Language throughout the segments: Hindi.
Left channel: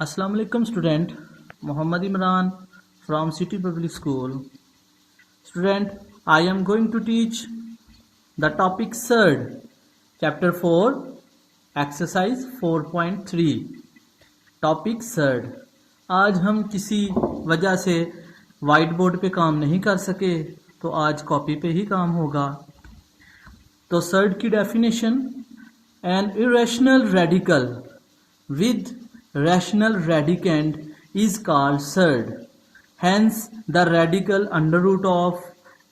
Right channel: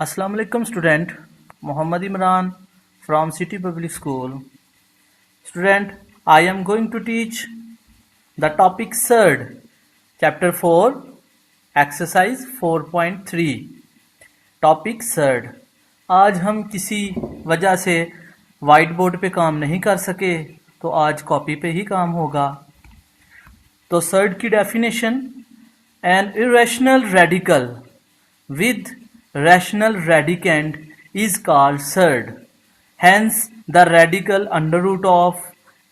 Assalamu alaikum student. Muhammad Imran from City Public School. Student, I am going to teach the topic third, chapter 4, exercise 4.3. Topic third. आज हम किसी वजह से वाइट बोर्ड पे काम नहीं कर सके तो आज कॉपी पे ही काम होगा. तो थर्ड की definition, an irrational radical with rational radicand is called third. Hence the radical under root of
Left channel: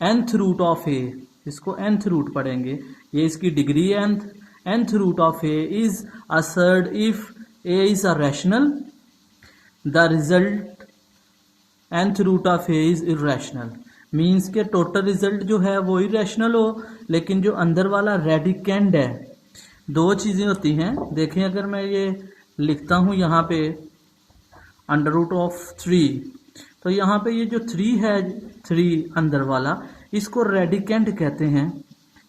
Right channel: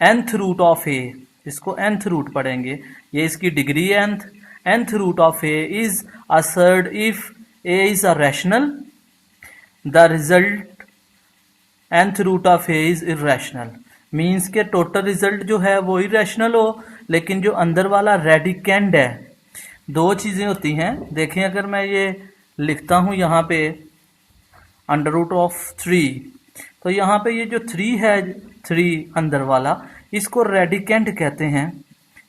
nth root of a, इसको nth root पढ़ेंगे, ये इसकी degree nth root of a is a third if a is a rational, the result nth root of a is irrational. Means के टोटल रिजल्ट जो है वो इरेशनल हो, लेकिन जो अंदर वाला रेडिकेंड है, दो चीजें होती हैं. देखें, अगर मैं ये लिखता हूं यहाँ पे अंडर रूट ऑफ 3, तो यहाँ पे ये जो 3 है, 3 अंदर वाला, इसको रेडिकेंड कहते हैं.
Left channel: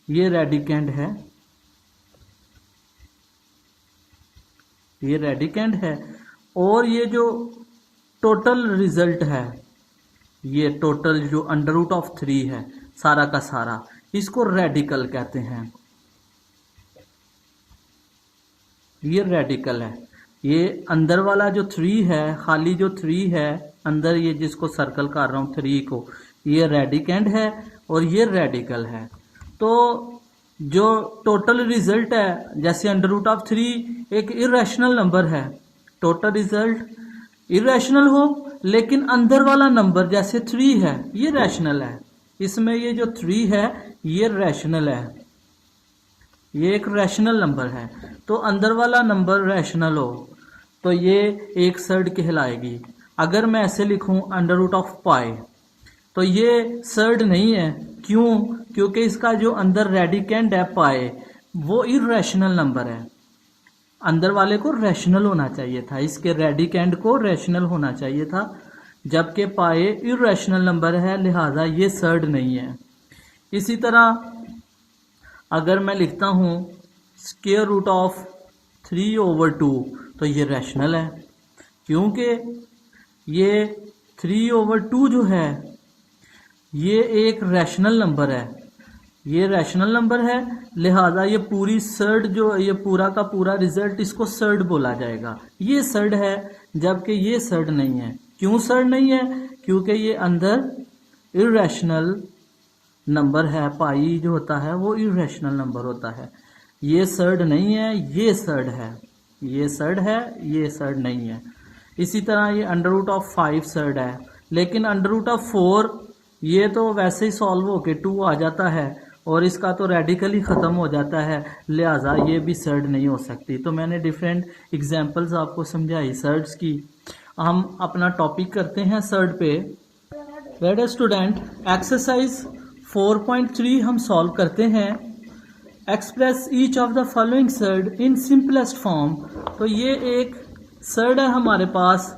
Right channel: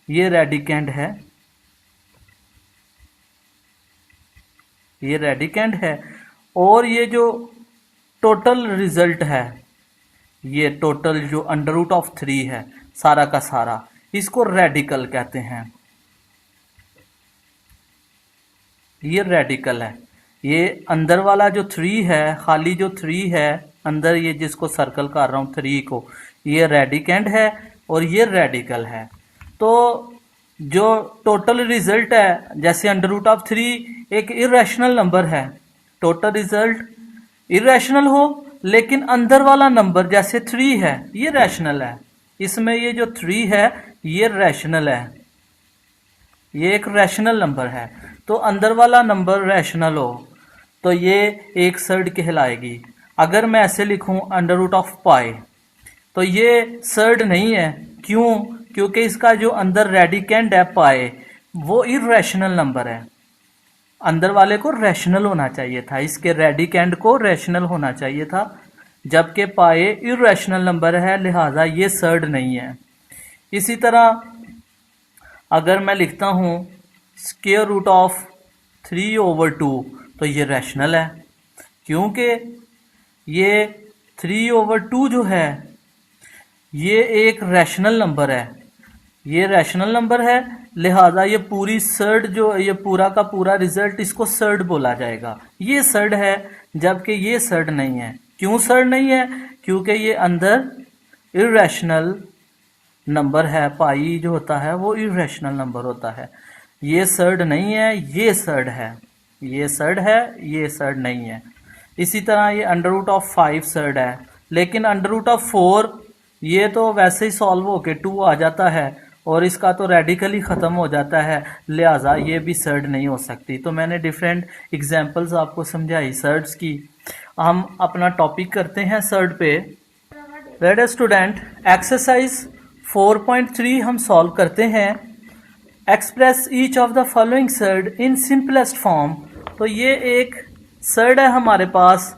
ये रेडिकेंड है, ये रेडिकेंड है. और ये जो टोटल रिजल्ट है, ये टोटल जो अंडर रूट ऑफ 3 है सारा का सारा, इसको रेडिकल कहते हैं. ये रेडिकल है. ये अंदर वाला जो 3 है, खाली जो 3 है अंदर, ये जिसको सर्कल कर रहा हूं 3 को, ये रेडिकेंड है और ये रेडिकल है. तो जो टोटल रिजल्ट है, जैसे अंडर रूट ऑफ 3 एक इरेशनल नंबर है, टोटल रिजल्ट इरेशनल हो, लेकिन अंदर वाला नंबर जैसे 3 है ये रैशनल है. इसमें ये जो 3 है ये रैशनल है, ये एक रैशनल नंबर है. तो अंदर वाला नंबर रैशनल हो तो ये एक सर्ड कहलाएगी. अगर मैं ऐसे लिखूं अंडर रूट ऑफ पाई, तो ये सर्ड नहीं है. क्यों? क्योंकि इसका जो अंदर रेडिकेंड है पाई, वो इरेशनल नंबर है. अंदर वाले को रैशनल होना चाहिए था, इसके रेडिकेंड को रैशनल होना चाहिए था, जबकि पाई इरेशनल नंबर है, लिहाजा ये सर्ड नहीं है. इसी तरह अगर मैं लिखता हूं स्क्वायर रूट ऑफ 3/2, तो ये रैशनल है, क्योंकि ये 3/2 जो है ये एक रैशनल नंबर है. ये रैशनल नंबर है, लिहाजा ये पूरी सर्ड जो, ये पूरा का पूरा रिजल्ट, इसको सर्ड बोला जाएगा. ये सर्ड है, जबकि ये सर्ड नहीं है. क्यों सर्ड नहीं है? क्योंकि ये अंदर इरेशनल नंबर है. पाई जो होता है वो इरेशनल नंबर होता है. ये सर्ड नहीं है, ये सर्ड है. ये सर्ड है, ये सर्ड नहीं है. इसी तरह ये अंडर रूट ऑफ 5 सर्ड है, लेकिन अंडर रूट ऑफ 4 ये तो वैसे ही सॉल्व होके 2 आ जाता है और इसका तो रेडिकली ख़त्म हो जाता है, लिहाजा ये भी सर्ड नहीं हो सकती. तो मैंने डिफरेंट एग्जांपल्स आपको समझाई सर्ड्स की. हम अपना टॉपिक करते हैं सर्ड पे. रेड स्टूडेंट, एक्सरसाइज 4.3 हम सॉल्व करते हैं. Express each of the following surd in simplest form. तो ये एक सर्ड है हमारे पास,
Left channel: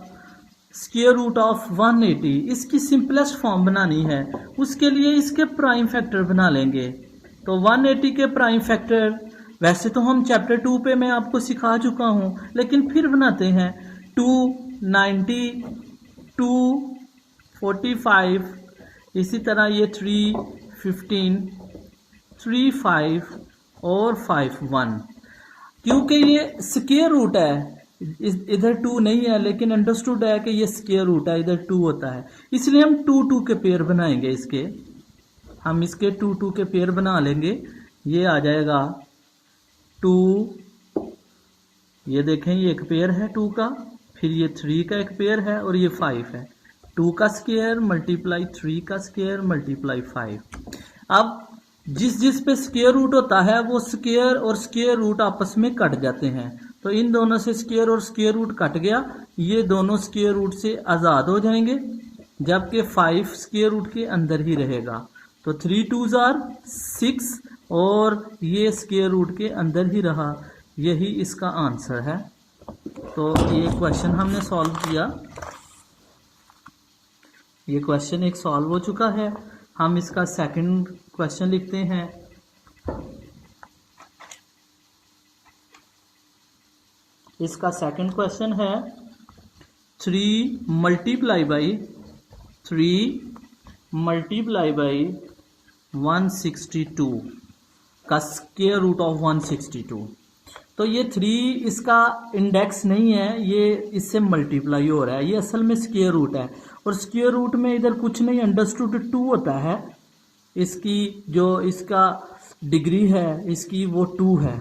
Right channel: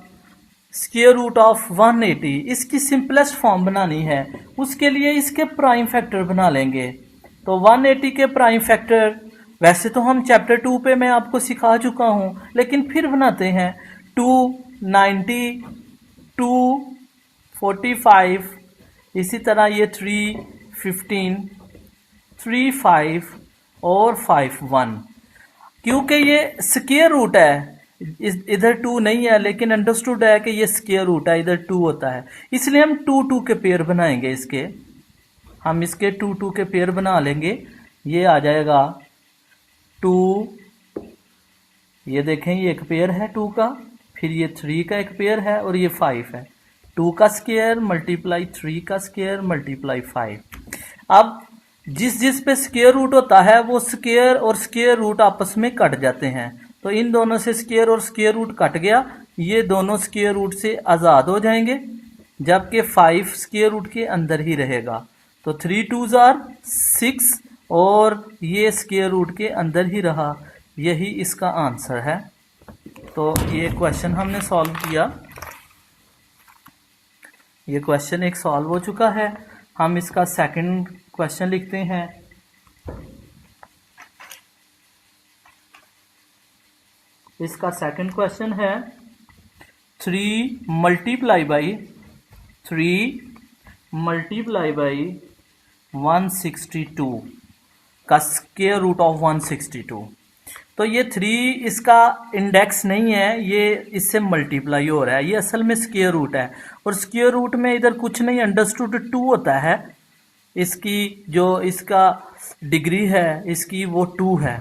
स्क्वायर रूट ऑफ 180. इसकी सिंपलेस्ट फॉर्म बनानी है, उसके लिए इसके प्राइम फैक्टर बना लेंगे. तो 180 के प्राइम फैक्टर वैसे तो हम चैप्टर 2 पे मैं आपको सिखा चुका हूं, लेकिन फिर बनाते हैं. 290, 245, इसी तरह ये 315, 35 और 51. क्योंकि ये स्क्वायर रूट है, इधर 2 नहीं है, लेकिन अंडरस्टूड है कि ये स्क्वायर रूट है, इधर 2 होता है, इसलिए हम 2 के पेयर बनाएंगे. हम इसके 2 के पेयर बना लेंगे. ये आ जाएगा 2, ये देखें ये एक पेयर है 2 का, फिर ये 3 का एक पेयर है और ये 5 है. 2 का स्क्वायर मल्टीप्लाई 3 का स्क्वायर मल्टीप्लाई 5. अब जिस पे स्क्वायर रूट होता है वो स्क्वायर और स्क्वायर रूट आपस में कट जाते हैं. तो इन दोनों से स्क्वायर और स्क्वायर रूट कट गया, ये दोनों स्क्वायर रूट से आज़ाद हो जाएंगे, जबकि 5 स्क्वायर रूट के अंदर ही रहेगा. तो 3 2s are 6 और ये स्क्वायर रूट के अंदर ही रहा. यही इसका आंसर है. तो ये क्वेश्चन हमने सॉल्व किया. ये क्वेश्चन एक सॉल्व हो चुका है. हम इसका सेकंड क्वेश्चन लिखते हैं. इसका सेकंड क्वेश्चन है 3 मल्टीप्लाई बाई 162 का स्क्वायर रूट ऑफ 162। तो ये 3 इसका इंडेक्स नहीं है, ये इससे मल्टीप्लाई हो रहा है, ये असल में स्क्वायर रूट है। और स्क्वायर रूट में इधर कुछ नहीं, अंडरस्टूड 2 होता है। इसकी जो इसका डिग्री है इसकी वो 2 है,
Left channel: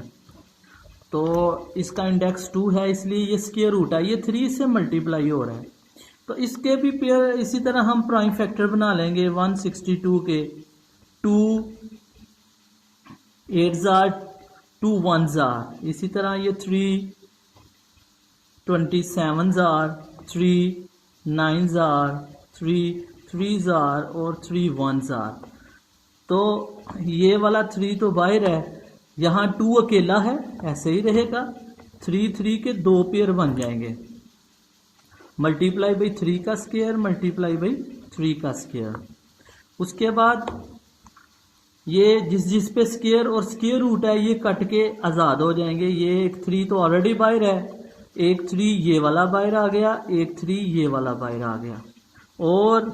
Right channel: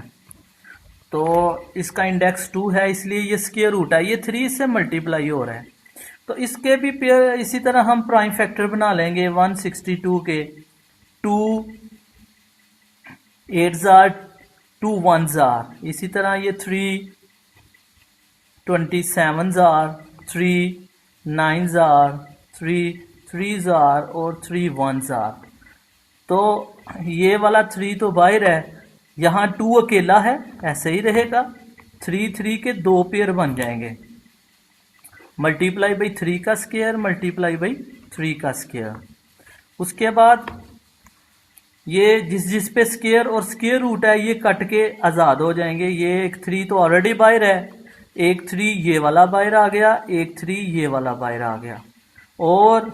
तो इसका इंडेक्स 2 है, इसलिए ये स्क्वायर रूट है। ये 3 से मल्टीप्लाई हो रहा है। तो इसके भी पेयर इसी तरह हम प्राइम फैक्टर बना लेंगे 162 के। 2 8 जार 2 1 जार, इसी तरह ये 3 27 जार 3 9 जार 3 3 जार और 3 1 जार। तो ये वाला 3 तो बाहर है, यहाँ 2 अकेला है, ऐसे ही रहेगा। 3 3 के 2 पेयर बन जाएंगे, मल्टीप्लाई बाई 3 का स्क्वायर मल्टीप्लाई बाई 3 का स्क्वायर। उसके बाद ये जिस पे स्क्वायर और स्क्वायर रूट है ये कट के आज़ाद हो जाएंगे। ये एक 3 तो ऑलरेडी बाहर है, एक 3 ये वाला बाहर आ गया, एक 3 ये वाला बाहर आ गया। और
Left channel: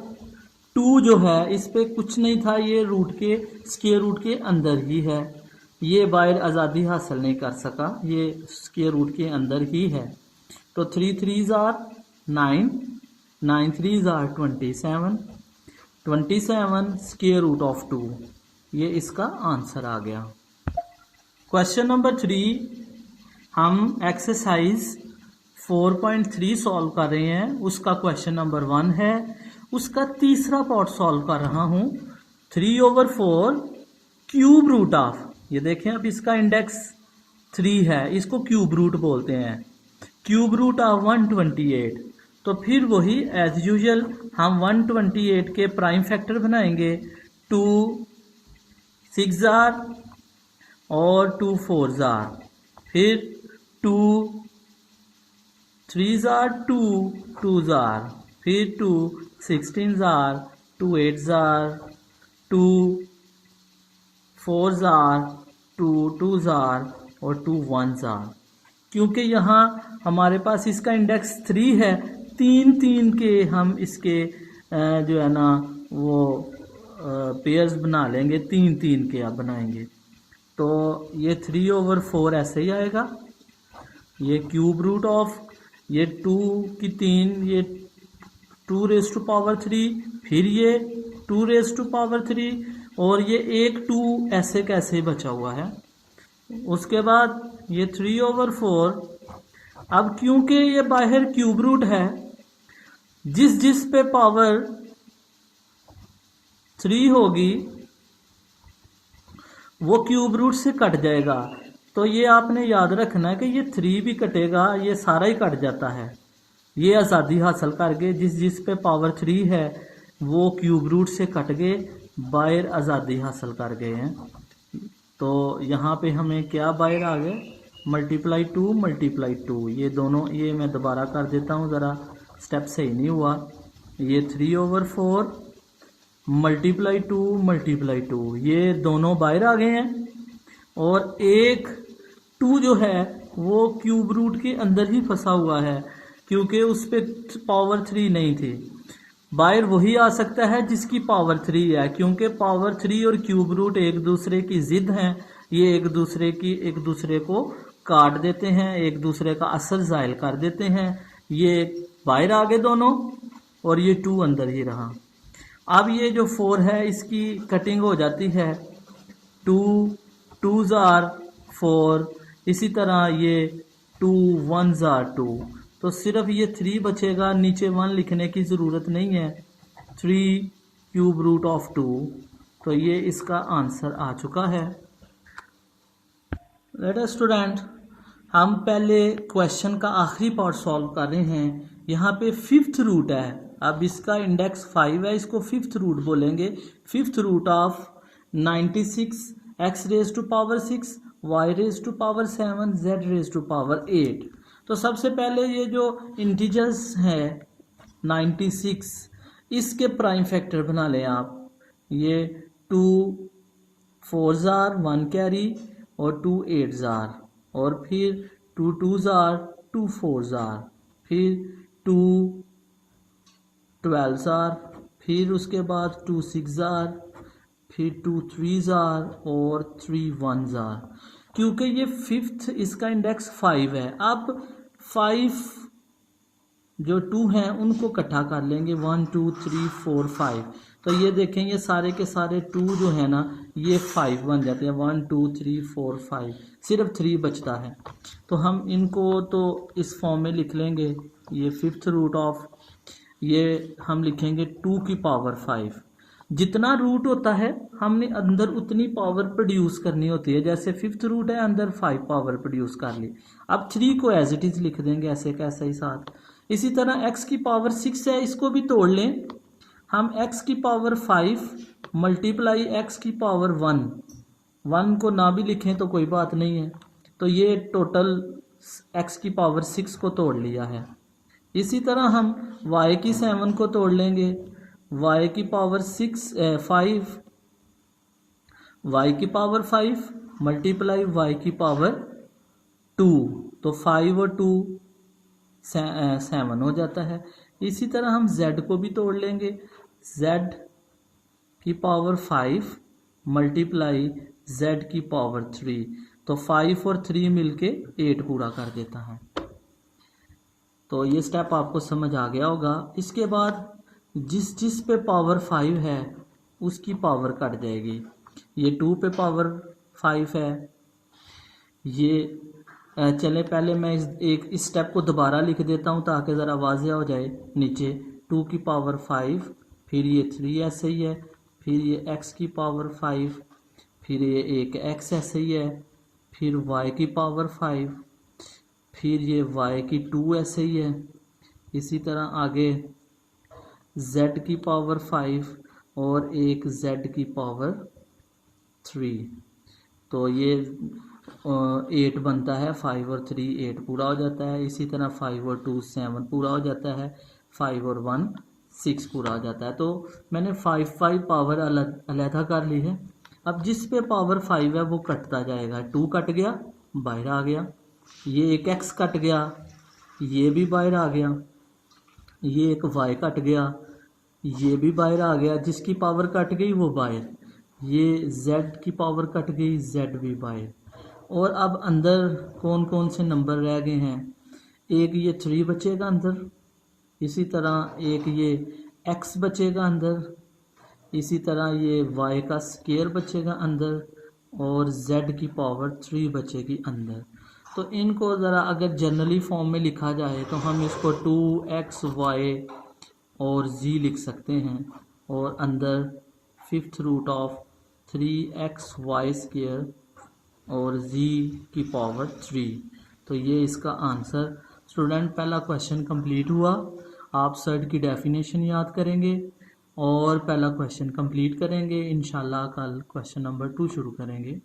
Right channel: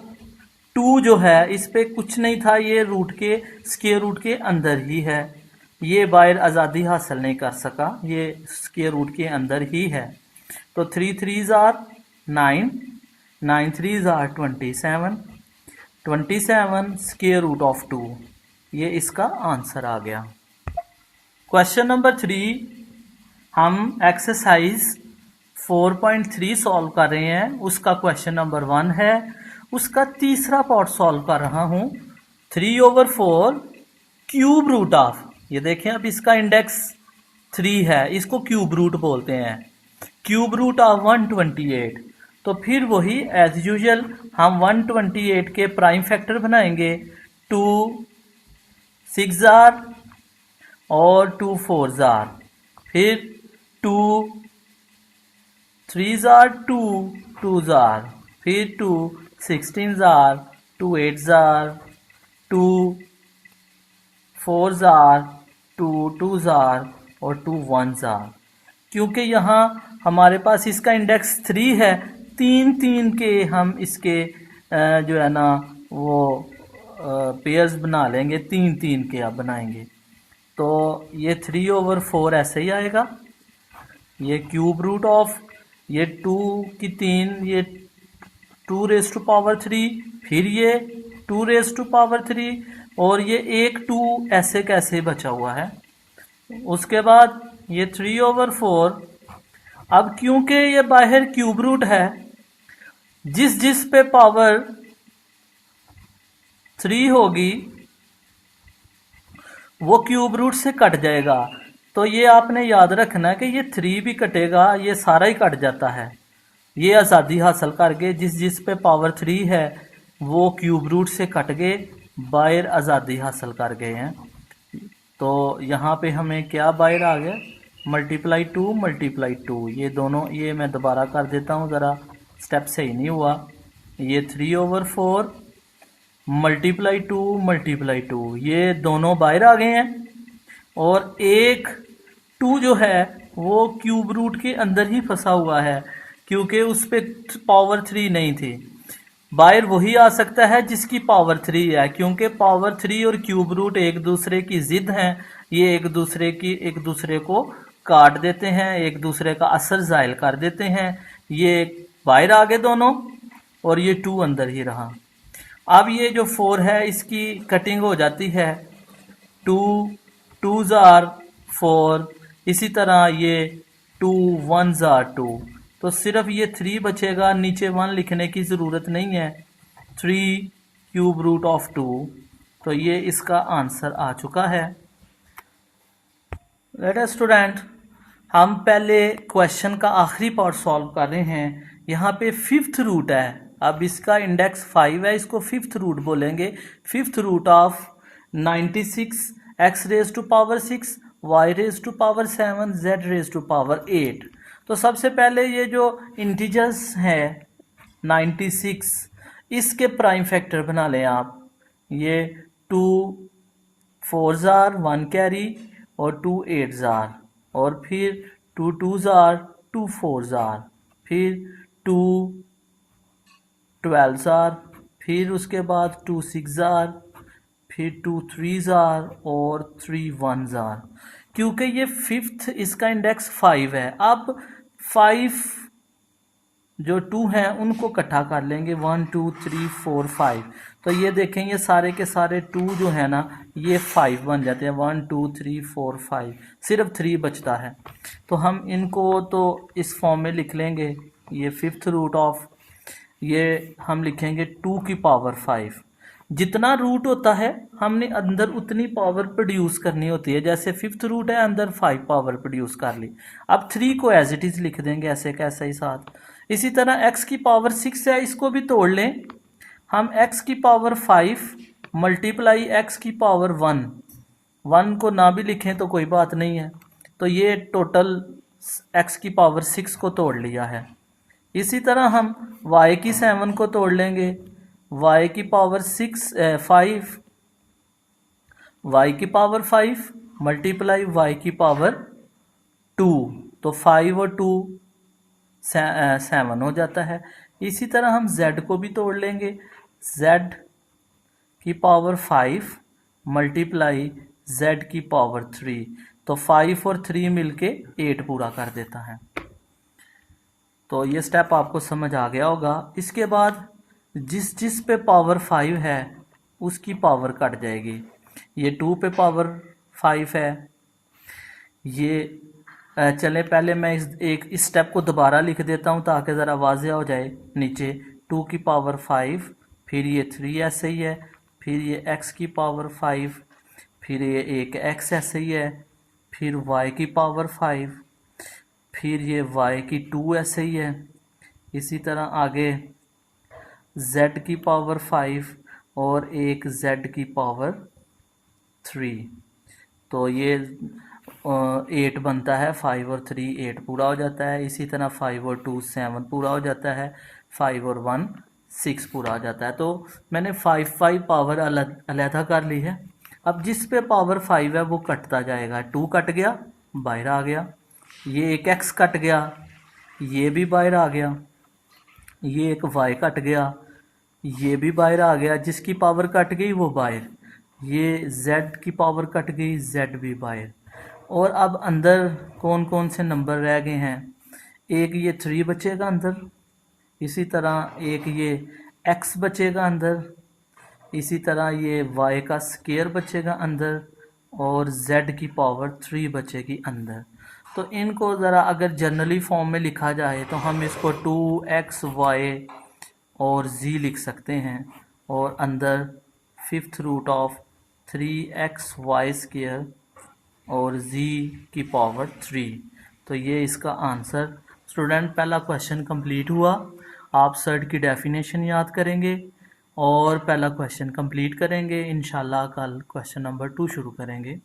2 जो है इस पे कुछ नहीं था, ये रूट के स्क्वायर रूट के अंदर ही है, ये बाहर आज़ादी हासिल नहीं कर सका, ये स्क्वायर रूट के अंदर ही है। तो 3 3 जार 9 9 3 जार 27 27 स्क्वायर रूट ऑफ 2, ये इसका आंसर आ गया। क्वेश्चन नंबर 3 हम एक्सरसाइज 4.3 सॉल्व कर रहे हैं, उसका क्वेश्चन नंबर 1 है, उसका तीसरा पार्ट सॉल्व कर रहा हूं। 3/4 क्यूब रूट ऑफ, ये देखें अब इसका इंडेक्स 3 है, इसको क्यूब रूट बोलते हैं, क्यूब रूट ऑफ 128। तो फिर वही एज यूजुअल हम 128 के प्राइम फैक्टर बनाएंगे, 2 6 जार और 2 4 जार, फिर 2 3 जार 2 2 जार, फिर 2 16 जार 2 8 जार 2 4 जार 2 2 जार और 2 1 जार। क्योंकि यहाँ हमारे पास इसका इंडेक्स 3 है, 3 3 के हम इसके जो है ना वो पेयर्स बना लेंगे, 3 3 के आप बनाएंगे। तो ये 3/4 ऐसे ही आएगा, ये क्यूब रूट ऑफ ये 2 की 3, ये 2 रेज़ टू पावर 3, फिर ये 2 रेज़ टू पावर 3 और ये एक 2 ऐसे कैसे बचा हुआ है। उसके बाद ये 3/4। अब क्योंकि ये बाहर क्यूब रूट है, जिस पे पावर 3 होगी वो क्यूब रूट से कट जाएगा। तो ये आपने याद रखना कि ये 3 भी कटेगा, ये सारा ही कट जाता है। ये आज़ादी हासिल कर गए, जिस पे पावर 3 है वो क्यूब रूट से कट गए, बाहर आज़ादी हासिल कर गए हैं। तो यहाँ पे हमें क्या बाहर आ गया, मल्टीप्लाई 2, ये दोनों, ये मैं दोबारा कर देता हूँ, ज़रा स्टेप सही नहीं हुआ। ये 3/4 मल्टीप्लाई 2, ये दोनों बाहर आ गए हैं। और एक 2 जो है वो क्यूब रूट के अंदर ही फंसा हुआ है, क्योंकि उस पर पावर 3 नहीं थी। बाहर वही आ सकता है जिसकी पावर 3 है, क्योंकि पावर 3 और क्यूब रूट एक दूसरे की जिद हैं, ये एक दूसरे को काट देते हैं, एक दूसरे का असर ज़ायल कर देते हैं। ये बाहर आ गए दोनों और ये 2 अंदर ही रहा। अब ये जो 4 है इसकी कटिंग हो जाती है, 2 2 जार 4, इसी तरह ये 2 1 जार 2, तो सिर्फ ये 3 बचेगा, नीचे 1 लिखने की ज़रूरत नहीं है। 3 क्यूब रूट ऑफ 2, तो ये इसका आंसर आ चुका है। बेटा स्टूडेंट, हम पहले क्वेश्चन का आखिरी पार्ट सॉल्व कर रहे हैं। यहाँ पे 5th रूट है, अब इसका इंडेक्स 5 है, इसको 5th रूट बोलेंगे। 5th root of 96 x raise to power 6 y raise to power 7 z raise to power 8। तो सबसे पहले ये जो इंटीजर्स हैं 96, इसके प्राइम फैक्टर बना लें आप। ये 2 4 जार 1 कैरी और 2 8 जार, और फिर 2 2 जार 2 4 जार, फिर 2 12s आर, फिर उसके बाद 2 6 आर, फिर 2 3s आर और 3 1s आर। क्योंकि ये फिफ्थ इसका इंडेक्स 5 है। अब 5 जो 2 हैं उनको इकट्ठा कर लेंगे, 1 2 3 4 5। तो ये देखें ये सारे के सारे 2 जो है ना ये 5 बन जाते हैं, 1 2 3 4 5, सिर्फ 3 बचता है। तो हम इनको तो इस फॉर्म में लिख लेंगे, ये फिफ्थ रूट ऑफ, ये हम लिखेंगे 2 की पावर 5। जितना रूट होता है हमने अंदर उतनी पावर प्रोड्यूस करनी होती है। जैसे फिफ्थ रूट है, अंदर 5 पावर प्रोड्यूस कर ली। अब 3 को एज इट इज लिख देंगे ऐसे कैसे ही साथ। इसी तरह x की पावर 6 है, इसको भी तोड़ लें हम। x की पावर 5 मल्टीप्लाई x की पावर 1 को ना भी लिखें तो कोई बात नहीं है। तो ये टोटल x की पावर 6 को तोड़ लिया है। इसी तरह हम y की 7 को तोड़ लेंगे, y की पावर 5 y की पावर 5 मल्टीप्लाई y की पावर 2, तो 5 और 2 7 हो जाता है। इसी तरह हम z को भी तोड़ लेंगे, z की पावर 5 मल्टीप्लाई z की पावर 3, तो 5 और 3 मिलके 8 पूरा कर देता है। तो ये स्टेप आपको समझ आ गया होगा। इसके बाद जिस पे पावर 5 है उसकी पावर कट जाएगी। ये 2 पे पावर 5 है, ये चले पहले मैं इस स्टेप को दोबारा लिख देता हूँ ताकि ज़रा वाज़ेह हो जाए। नीचे 2 की पावर 5, फिर ये 3 ऐसे ही है, फिर ये x की पावर 5, फिर ये एक x ऐसे ही है, फिर y की पावर 5, फिर ये y की 2 ऐसे ही है। इसी तरह आगे z की पावर 5 और एक z की पावर 3, तो ये 8 बनता है। 5 और 3 8 पूरा हो जाता है। इसी तरह 5 और 2 7 पूरा हो जाता है, 5 और 1 6 पूरा हो जाता है। तो मैंने 5 पावर अलहदा कर ली है। अब जिस पे पावर 5 है वो कटता जाएगा, 2 कट गया बाहर आ गया, ये एक x कट गया ये भी बाहर आ गया, ये एक y कट गया ये भी बाहर आ गया, जिसकी पावर कट गई वो बाहर, ये z की पावर कट गई z भी बाहर। और अब अंदर कौन कौन से नंबर रह गए हैं, एक ये 3 बचेगा अंदर, इसी तरह एक ये x बचेगा अंदर, इसी तरह ये y का स्क्वायर बचेगा अंदर और z की पावर 3 बचेगी अंदर। तो इनको ज़रा अगर जनरली फॉर्म में लिखा जाए तो हम इसको 2xy और z लिख सकते हैं, और अंदर fifth root of 3xy square और z की पावर 3। तो ये इसका आंसर। स्टूडेंट पहला क्वेश्चन कंप्लीट हुआ। आप सर्ड की डेफिनेशन याद करेंगे और पहला क्वेश्चन कंप्लीट करेंगे। इंशाल्लाह कल क्वेश्चन नंबर 2 शुरू करेंगे।